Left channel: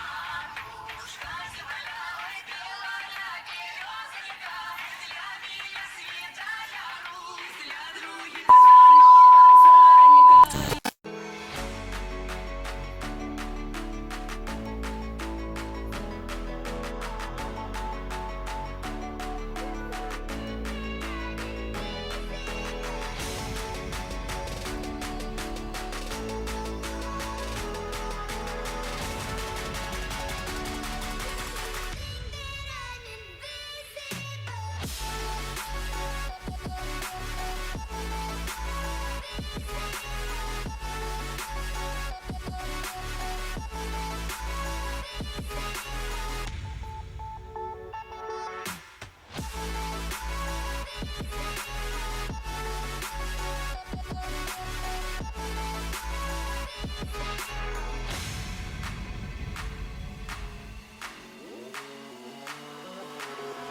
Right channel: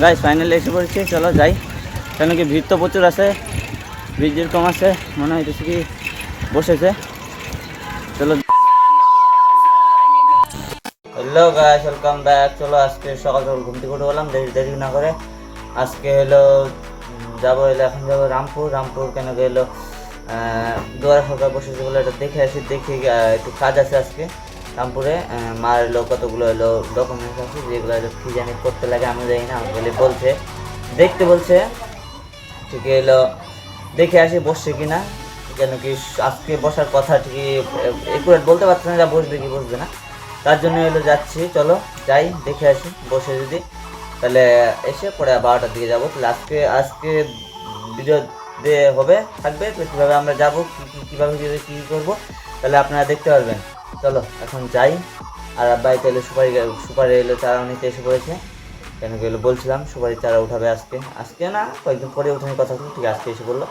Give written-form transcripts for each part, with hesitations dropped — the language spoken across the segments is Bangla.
গাইস ফাইনালি এসে পড়েছি, চলো যাই। কেন কি ভিড় তো প্রচুর আছে, ভিড় যেরকম আছে মনে হইতেছে কি বসেছে। চলো হ্যালো গাইস, ওয়েলকাম ব্যাক। চলো আজকে সকাল সকাল ঘুম থেকে উঠে বললাম, দেরি দেরি না করে আজকে হলো যাবো, এখন যাবো রামপুর। কেন কি হলো দুয়ারে সরকার বসেছে বলে এটা দেখে আসি, দেখি একটু কাজ আছে আজকে রামপুরে। মার এলো কতগুলো এলো ডকুমেন্টস আছে, যেগুলো কি জানি করতে লাগে আমি জানি না, আমাকে বলছে দেখতে বলছে। ঠিক এলো দেখে আসি বসছে কিনা, যেন কি আজকে বসার কথা ঠিকই একুরেট বলতে পারছে না, যা বসবে কি বসবে না, তার জন্য এলো যাচ্ছি। চলো যাই দেখে আসি, বসে যদি তাহলে এসে পরে 12টার দিকে যাবো। তাহলে আজকে ভিডিও দিয়ে হবে থাকবে, কীভাবে আমরা যাবো, কীভাবে কী করবো তাহলে আপনারা দেখতে পারবেন। চলো এখন যাই। আর বাড়িতে এলো সুপারি এলো চারা নিতে এসে পড়েছে। কেন কি এলো বলছিলাম সুপারি চারা উঠাবে আজকে না কয়েকদিন পরে উঠানোর কথা ছিল, ঠিক আজকে এসে বললো।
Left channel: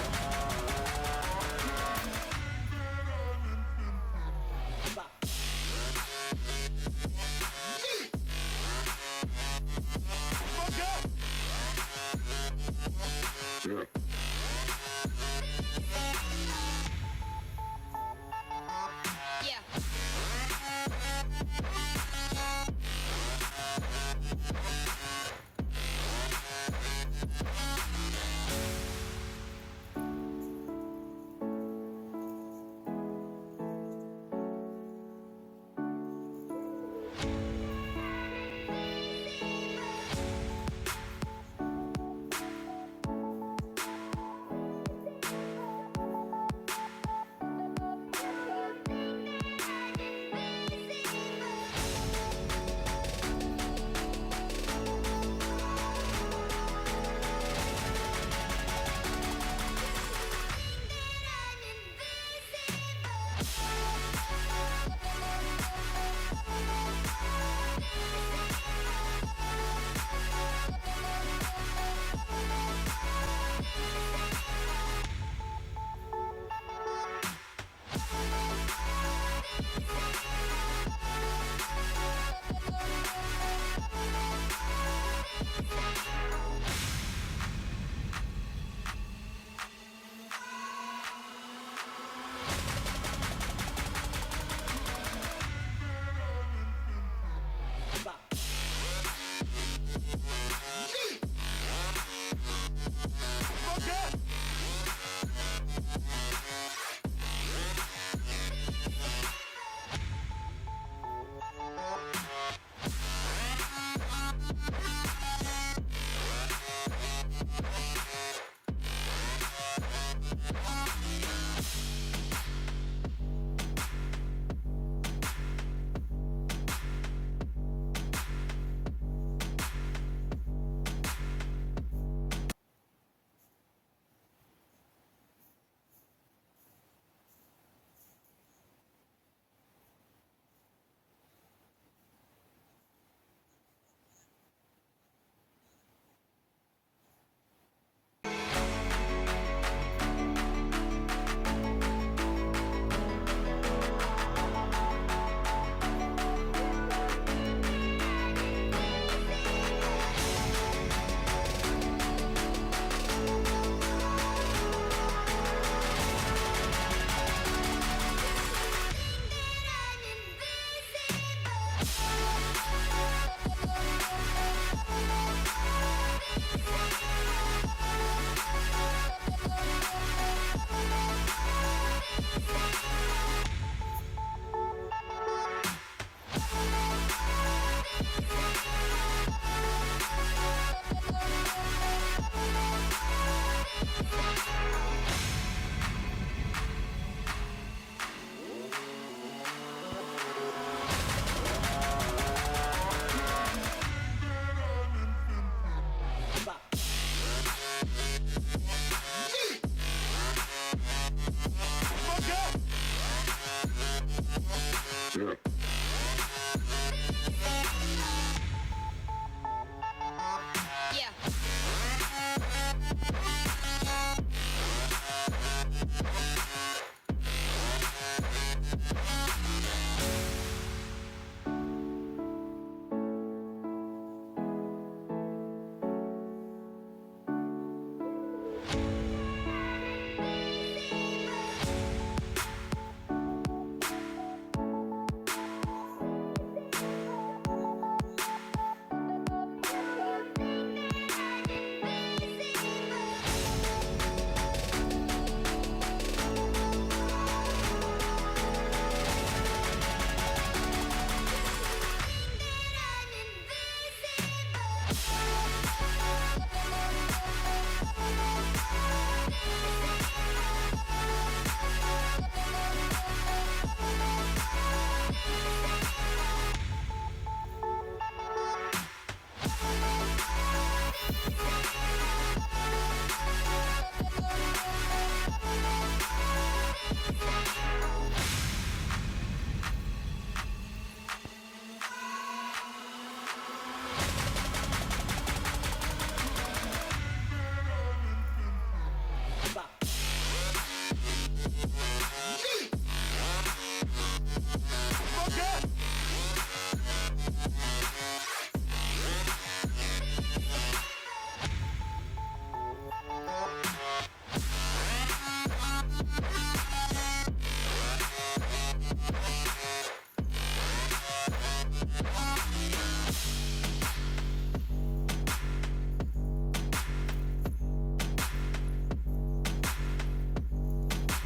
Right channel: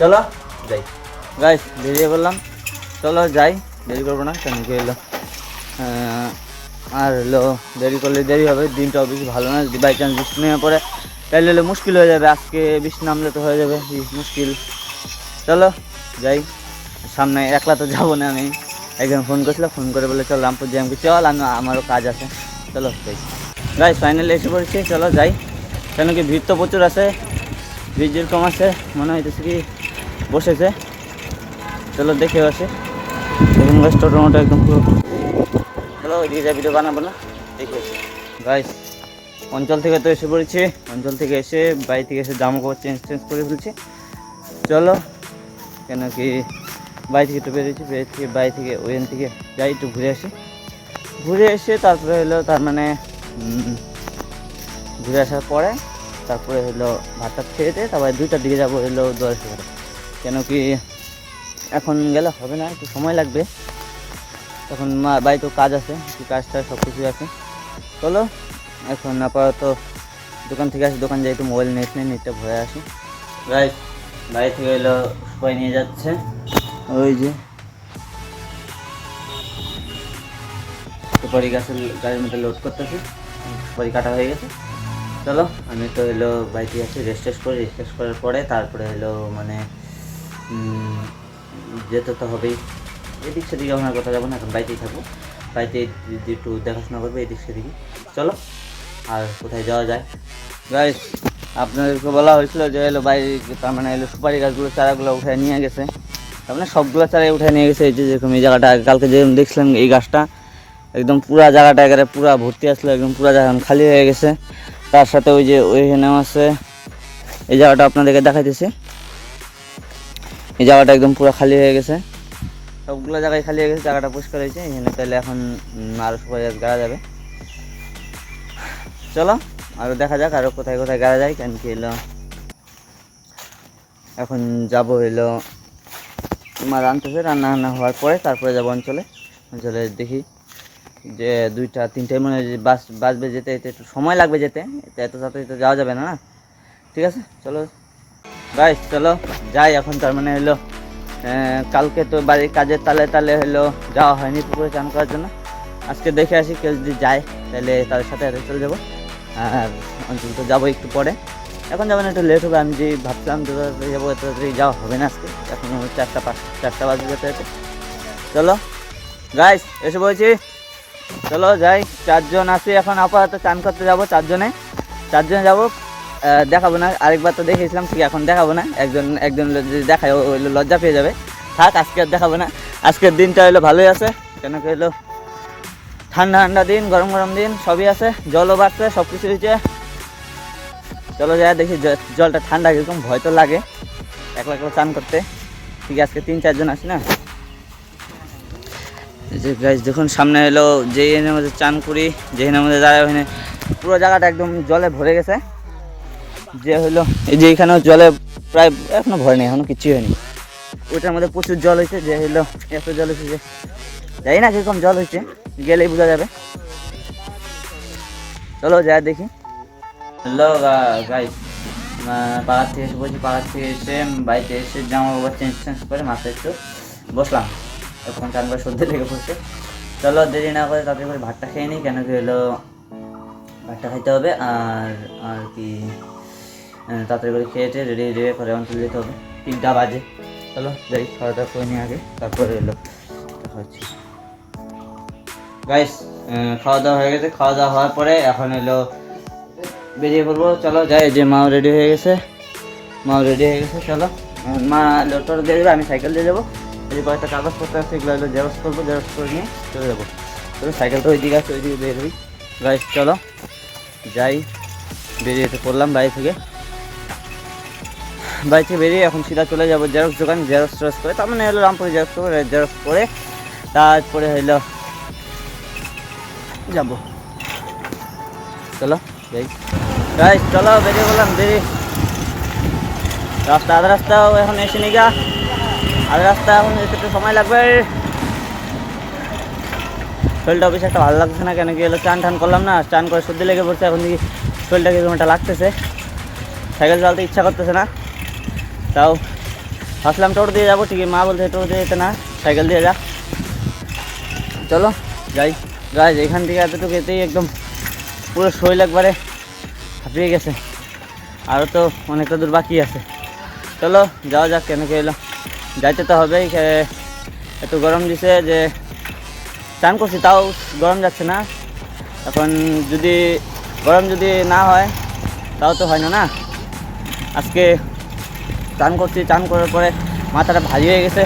চলো যাই গাইস, বেরিয়ে বললাম চলো যাই, দেরি করবো না। কেন কি এলো আর এলো দেরি করলে দেরি হবে, দিনটাও বেশি ভালো না। যদি বাই চান্স বৃষ্টি নেমে পড়ে তাহলে এলো মুশকিল হয়ে যাবে, আজকে বৃষ্টি নামলে তো হয়ে যাবে মুশকিল। চলো যাই, সামনে একলা তো যাবো না আমি, একজন ফোন করছিল, ফোন করে বলে চল রামপুর যাই, আমাকে চল, আমারও কাজ আছে। চলো গাইস ফাইনালি এসে পড়েছি, চলো যাই। কেন কি ভিড় তো প্রচুর আছে, ভিড় যেরকম আছে মনে হইতেছে কি বসেছে। চলো দেখে আসে, দেখুন গাইস টোটো একদম পুরো। চলো ওইদিকে যা ভিডিও বানাবো না, দেখে আসি গাইস। অঞ্চল থেকে তো এসে পড়েছি, অঞ্চল থেকে এসে বাড়ি থেকে এসে জামা কাপড় চেঞ্জ করে ফেলছি। চলো কেন কি বাড়ি থেকে তো বেরিয়েছি, বাড়ি থেকে ওইখান থেকে যাই একটু ঘুরে এসে তারপরে হলো তার মানে ঘুরে আসার পরে তারপরে হলো ভাতটা খেয়ে দিয়ে তারপরে 2টার দিকে যাবো হলো দুয়ারে সরকার। কেন কি এখন গেলে হবে না, একটু সময় লাগবে, এখন বাড়িতেও কাজ আছে, কাজটা সব কিছুই আছে। চলো এখন আপাতত দোকান থেকে আসি, দোকান যাই একটু মোবাইল নেটটা ভরে আসি। রাইট বাড়ি থেকে এলো সবাই নিয়ে যাচ্ছে, ওই যে সুপারি গাড়ির মধ্যে লোড করতেছে, সুপারি কাটা হয়ে গেছে। চলো আমি তো এলো বাড়িতে আসি, রেস্ট করার পরে তারপরে এলো মানে যেতে তো হবেই, এদিক সেদিকে আমার কথা যাবো না, এখন বাড়িতেই থাকবো, বাড়িতে একটু দেখাশোনা করবে এদিক সেদিকে। চলো আর কোথায় যাওয়া যায় গাইস, আপনাদেরকে বলা হয়েছিল যে এলো বাড়ি তার মানে এলো সুপারি গাছগুলো চারাগুলো উঠে নিয়ে গেছে, তার মানে সবগুলো চারাই উঠে নিয়ে গেছে। এই যে যেরকম এই জায়গাটা কালকে যে দেখছিলাম, এই গাছটা একদম পুরা জায়গাটা একেবারে পুরা ভর্তি আসলো, একদম পুরা জায়গা খালি হয়ে গেছে। তার সাথে ওই যে ওইখানেও আছে, এই জায়গাটা আপনাদেরকে দেখাইতেছি, এই জায়গাটা একদম পুরো খালি হয়ে গেছে, সবগুলো জায়গায় খালি হয়ে গেছে, জায়গাটা পরিষ্কার হয়েছে এখানে। তাহলে এখন আরও সুপারি গাছ গাড়া যাবে। চলো আরও দেখা যাক আরও কোথায় কোথায় গাড়া যায়। কেন কি এলো এখন যাবো এলো মা রান্নাতেছে, রান্না হওয়ার পরে তারপরে যাবো অঞ্চলে দেখি যে 2টা-3টায় মনে হয় বাসবে যেতে, একটু সময় লাগবে যেতে, এত তাড়াতাড়ি তো যাওয়া যাবে না। ঠিক আছে চলো গাইস, চলো যাই এখন। তার মানে হলো কালকে তো বাড়ির কাজের তালে হলো যাওয়া হয়নি পুকুরে চান করার জন্য, আজকে দেখে আসি কেউ যদি যায় তাহলে তাদের সাথে চলে যাবো। আর অঞ্চল তো যাবো একটু পরে, এখন যাবেন একটু লেট হবে, আমি যে ভাবছিলাম যাবো এত যাওয়া হবে না আজকে, এখন 4টা বাজে যেতে যেতে। চলো গাইস এসে বলছি, চলো যাই। 4জন আছি এখন আপাতত, চান করতে যাবো 4জনে যাবো। দেখাবো না, আরেকবার তো দেখেছিলাম, ঠিক এখন দেখাবো না, একজন যদি দেখায় লজ্জা পেয়ে যাবে, থাক আজকে আর দেখাবো না। আজকের দিনটা হলো ভালোই আছে, কেন কি হলো ঠান্ডা দিন, গরম দিন সবই আছে, জলও বাড়ছে, সব কিছু হয়েছে। চলো যাই দেখি জলটা ঠান্ডা কিরকম, ভয় তো লাগে একলা চান করতে, ঠিক আজকে 3-4জন আসি না। যে গাইস দেখুন সামনে এলো যেখানে আমাদের চান করি, যেখানে আমাদের দাঁড়ায় ওখানে পুরো জায়গাটা একদম জলে ভরে গেছে। যে হলো এই যে এখানেও জলে প্রায় এখনো ভয় নেই, এখনো কিছুই হয়নি, ওইটার মধ্যে প্রচুর জল হয়েছে। যে হলো এত জল হয়েছে যে জানি না কিরকম জল হয়েছে, গেলেই বোঝা যাবে। চলো যাই দেখি। হ্যালো গাইস, পাড়ার থেকে এসে বলছি, পাড়ার থেকে এসে বাড়িতে এসে জামা কাপড় চেঞ্জ করে মাথায় একটু বসলাম, তখন চান করে সর্দি লেগে পড়ছে। চলো দেরি না করে তাড়াতাড়ি করে ভাতটা খেয়ে নিই, কেন কি হলো ভাতটা খাইতে হবে আর আর কি তাড়াতাড়ি করে খেয়েটে রেডি রেডি করে অঞ্চল যেতে হবে, 3টা বাজে। চলো যাই, খাওয়া দাওয়া করে নিয়ে আগে, তারপরে এলো হচ্ছে গাইস। খাওয়া দাওয়া হয়ে গেছে, খাওয়া দাওয়া হওয়ার পরে এখন এলো বেরিয়ে পড়বো। চলো যাই, যে মাও রেডি হয়ে গেছে, চলো। মা টোটো দিয়ে দেবে, আমি সাইকেল দিয়ে যাবো। এই কয়েকটা কাগজপত্র আছে, এগুলো হলো জেরক্স করবো, জেরক্স করে নিয়ে চলে যাবো। চলো, সাইকেলটা ওই দিকে আছে, ওই দিকে বেরিয়ে গাইস। চলো যাই, বেরিয়ে তো পড়লাম বাড়ি থেকে বেরিয়ে এখন সিধা চলে যাবো জেরক্স দোকান, জেরক্স করে তার মানে হলো রামপুরে জেরক্স করে তারপরে হইলো যাবো। চলো যাই গাইস, চলো বেরিয়ে বললাম, আধা রাস্তাও এখন এসে নি গা, আধা রাস্তা এখন এসে একটু সময় লাগবে। শরীরটা বেশি একটা ভালো লাগছে না, কেন কি হলো চান টান করলাম না, চান করে সর্দি লেগে পড়ছে, এখন দেখি শরীরটা কিরকমটা লাগতেছে, সাইকেল চালাতে ইচ্ছা করতেছে না। তাও ভাবলাম টোটো দিয়ে যাবো, ঠিকই মা বলছে টোটো দিয়ে যেতে না, সাইকেল দিয়ে যা। চলো যাই গাইস, এখান থেকে এতটুকু এতেই একদম পুরো শরীর একবারে হাঁপিয়ে গেছে, আরও তো অনেকটা দূর বাকি আছে। চলো যাওয়া যাক, কেন কি এলো যাইতে তো হবেই। এত গরম দিছে যে চান করছি তাও গরম যাচ্ছে না। এখন যদি গরম যদি না হয় তাও তো হয় না। আজকে চান করছি, চান করার পরে মাথাটা ভারী হয়ে গেছে,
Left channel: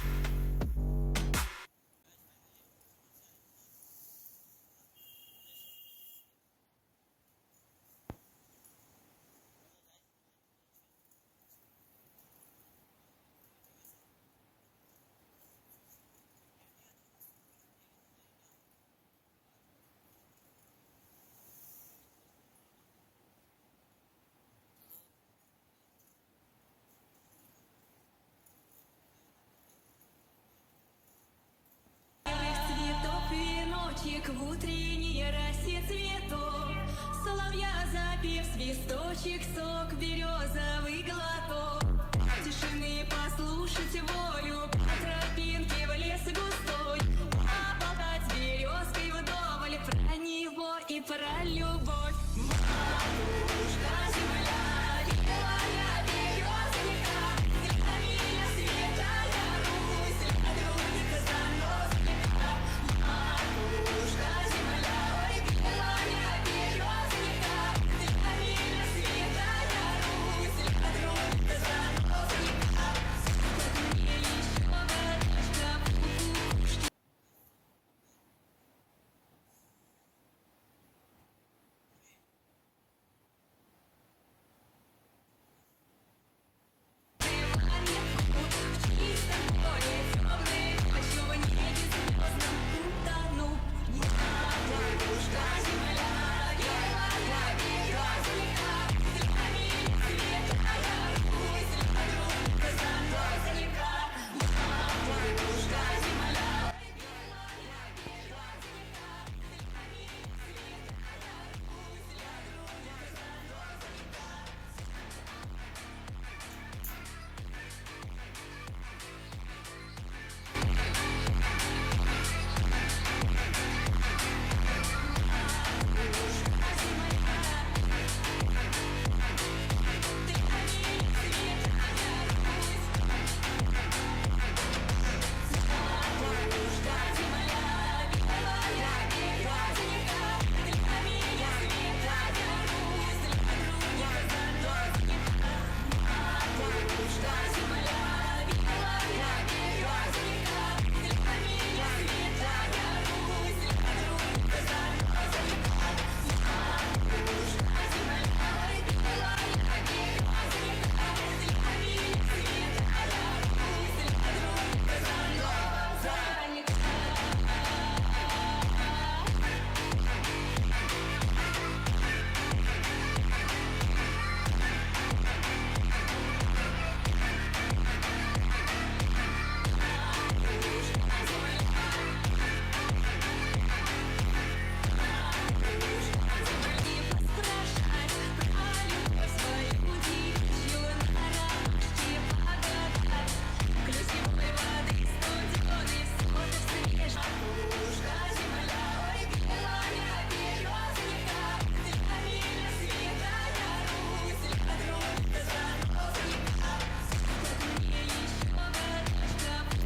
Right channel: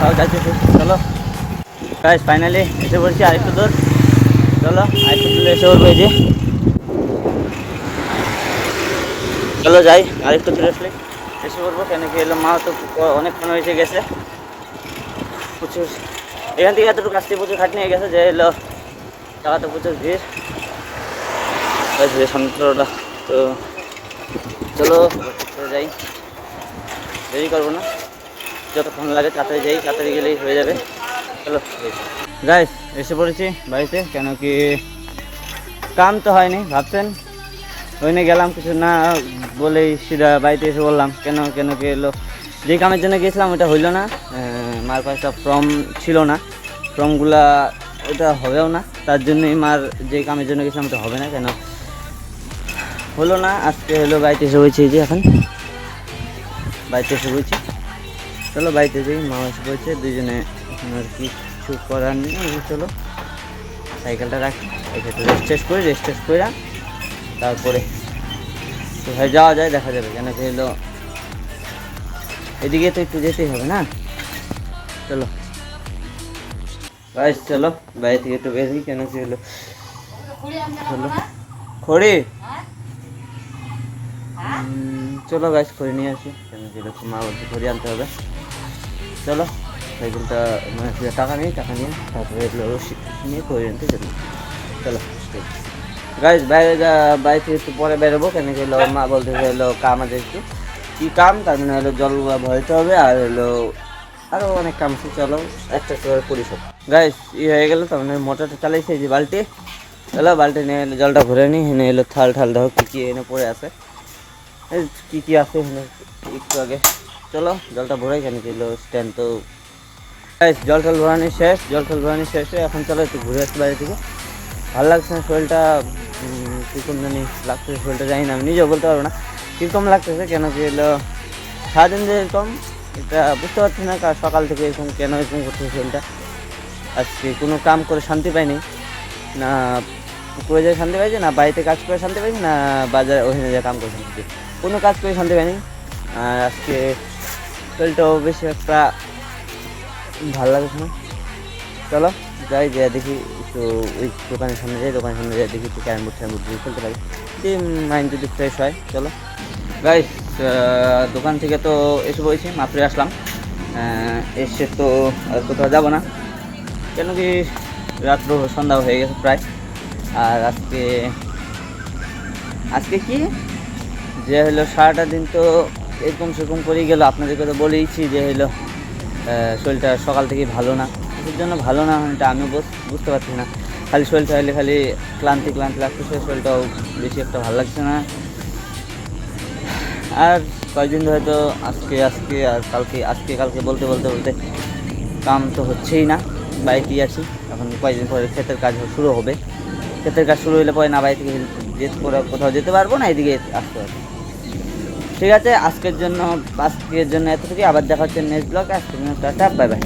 তাও যাইতেছি। চলো গাইস, ফাইনালি এসে পড়ছি আরেকটু দূর। চলো আরেকটু দূরে এসে পড়বো, এই যে চলো যাই, আরেকটু দূরে এসে পড়বো, কেন কি এলো মা তো অনেকক্ষণ হয়েছে গেছে, প্রচুর এখান থেকে এতটুকু আসতে প্রচুর খাটনি হয়ে গেছে, যে এলো টাকাতে প্রচুর ভিড় সন্ত্রটা। তো চলো যাই, দেরি করবো না, যতক্ষণ লাগে তাড়াতাড়ি যাই, তাড়াতাড়ি গেলেই হয়ে যাবে। চলো গাইস, এসে পড়েছি বাড়িতে, কেন কি কাম তো হয়নি, ভাবছেন ওইনে গেলাম কিছু না বলেই সিধা বাড়িতে এসে বললাম। কেন কি এলো যে কামের জন্য গিয়েছিলাম ওটা হইলো না, মার কাছে ফর্ম ছিল না, ফর্মগুলা ওটা হবেও না, তার জন্যই মার যে কামের জন্য গেছিলাম ওটা হবে না, কেন হলো না। আজকে হলো বাড়িতে এসে বলছি, যে এখন বাড়িতে এসে বলছি। চলো বাড়িতে যাই, মা এসে বলছে, দুইজনে আর কিছু করার নেই। চলো সাইকেলটা রাখি, রেস্ট করে তারপরে কোথায় যাওয়া যায় দেখা যাবে, কেন কি হলো এদিকে তো একটু যেতেই হবে না। চলো গাইস, চলো বাড়ি থেকে একটু বেরিয়ে, কেন কি হলো চলো খড়ি, চলো গাইস খড়ি নিয়ে আসি, কেন কি হলো মা বলছে খড়ি আনতে হবে। চলো সাইকেলটা মানে টাকা নিয়ে তারপরে রশি নিয়ে খড়ি আনতে যাবো। চলো গাইস, বাইরে থেকে একটু পরে বেরোবো, কেন কি হলো মা বলতে হলো কাম আছে একটু, কী কাম, তার মানে হলো জল ভরতে হবে, আর হলো আরও অনেক কাম আছে। চলো একটা করে পরিষদ গাইস হয়ে গেলো, তার মানে মোটরটা চালাইছে, যে বালতি। চলো বালতি নিয়ে এলো, জলটা ভরে নিই, এনে এলো থাল দেখো কী এনে পড়ে আছে, কী আছে এখানে একটু আগে। চলো জলটা ভরাই, কেন কি এলো স্ট্যান্ড তো গাইস, জল ভরানি শেষ, এখন চলো একটু ঘুরে আসতে বাইরে থেকে। ভালো লাগছে না শরীরটা, কীরকম জানি লাগতেছে শরীরটা, জানি না, আমি নিজেও বলতে পারবো না কীরকম লাগতেছে, কেন কি এলো সারাদিন যে এরকম এটা বুঝতে পারছি না, সকাল থেকে এরকম কেন এরকম করতেছে শরীরটা। আজকে কোনো কাম করে শান্তি পাইনি, না পুকুরে যেয়ে শান্তি পাইছি, না বাড়িতে কাজ করে শান্তি পাইছি, না বাজারে ওখানে যে কাম করে শান্তি পাইছি, কোনো কাজ করে শান্তি পাইনি। আর আজকে শরীরটাও বেশি একটা ভালো লাগছে না। চলো যাই, যে দেখি একটু ওই দোকানের সামনে যাই, দেখি একটু ক্যারাম বোর্ড খেলতে পারি, সেই মাইন্ড যদি ফ্রেশ হয়। চলো গাইস, দোকান থেকে তো এসে বলছি, মাত্র আসলাম, এসে তো আর কোথাও যাবো না, কেন কি রাত্র সন্ধ্যা হয়ে গেছে প্রায়। আর আজকে কি যে হলো সারাটা দিন তো এরকম সেরকম করেই গেলো, আপনাদেরকে তো বলেইছি যে হলো শরীরটা সকাল থেকেই ভালো না, এর জন্য ভালো না এটা আমি বুঝতে পারছি না, খালি শরীরটা হলে খালি ক্লান্তি লাগতেছে, শরীরটাও বেশি একটা ভালো লাগছে না। আর কয়েকদিন ধরে তো আজকে আর কালকে বলতে কাম তো হচ্ছেই না, বাইকেই আছি, এখন কয়েকদিন পরে ক্ষেতের কাজ শুরু হবে, ক্ষেতের কাজ শুরু হলে পরে না বাড়ি থেকে কোথাও যেতে পারবো না, এদিকে আসতে পারবো। ঠিক আছে, আজকের জন্য এতটুকুই। আবার দেখা হচ্ছে নেক্সট ব্লগ। আজকের জন্য টাটা, বাই বাই।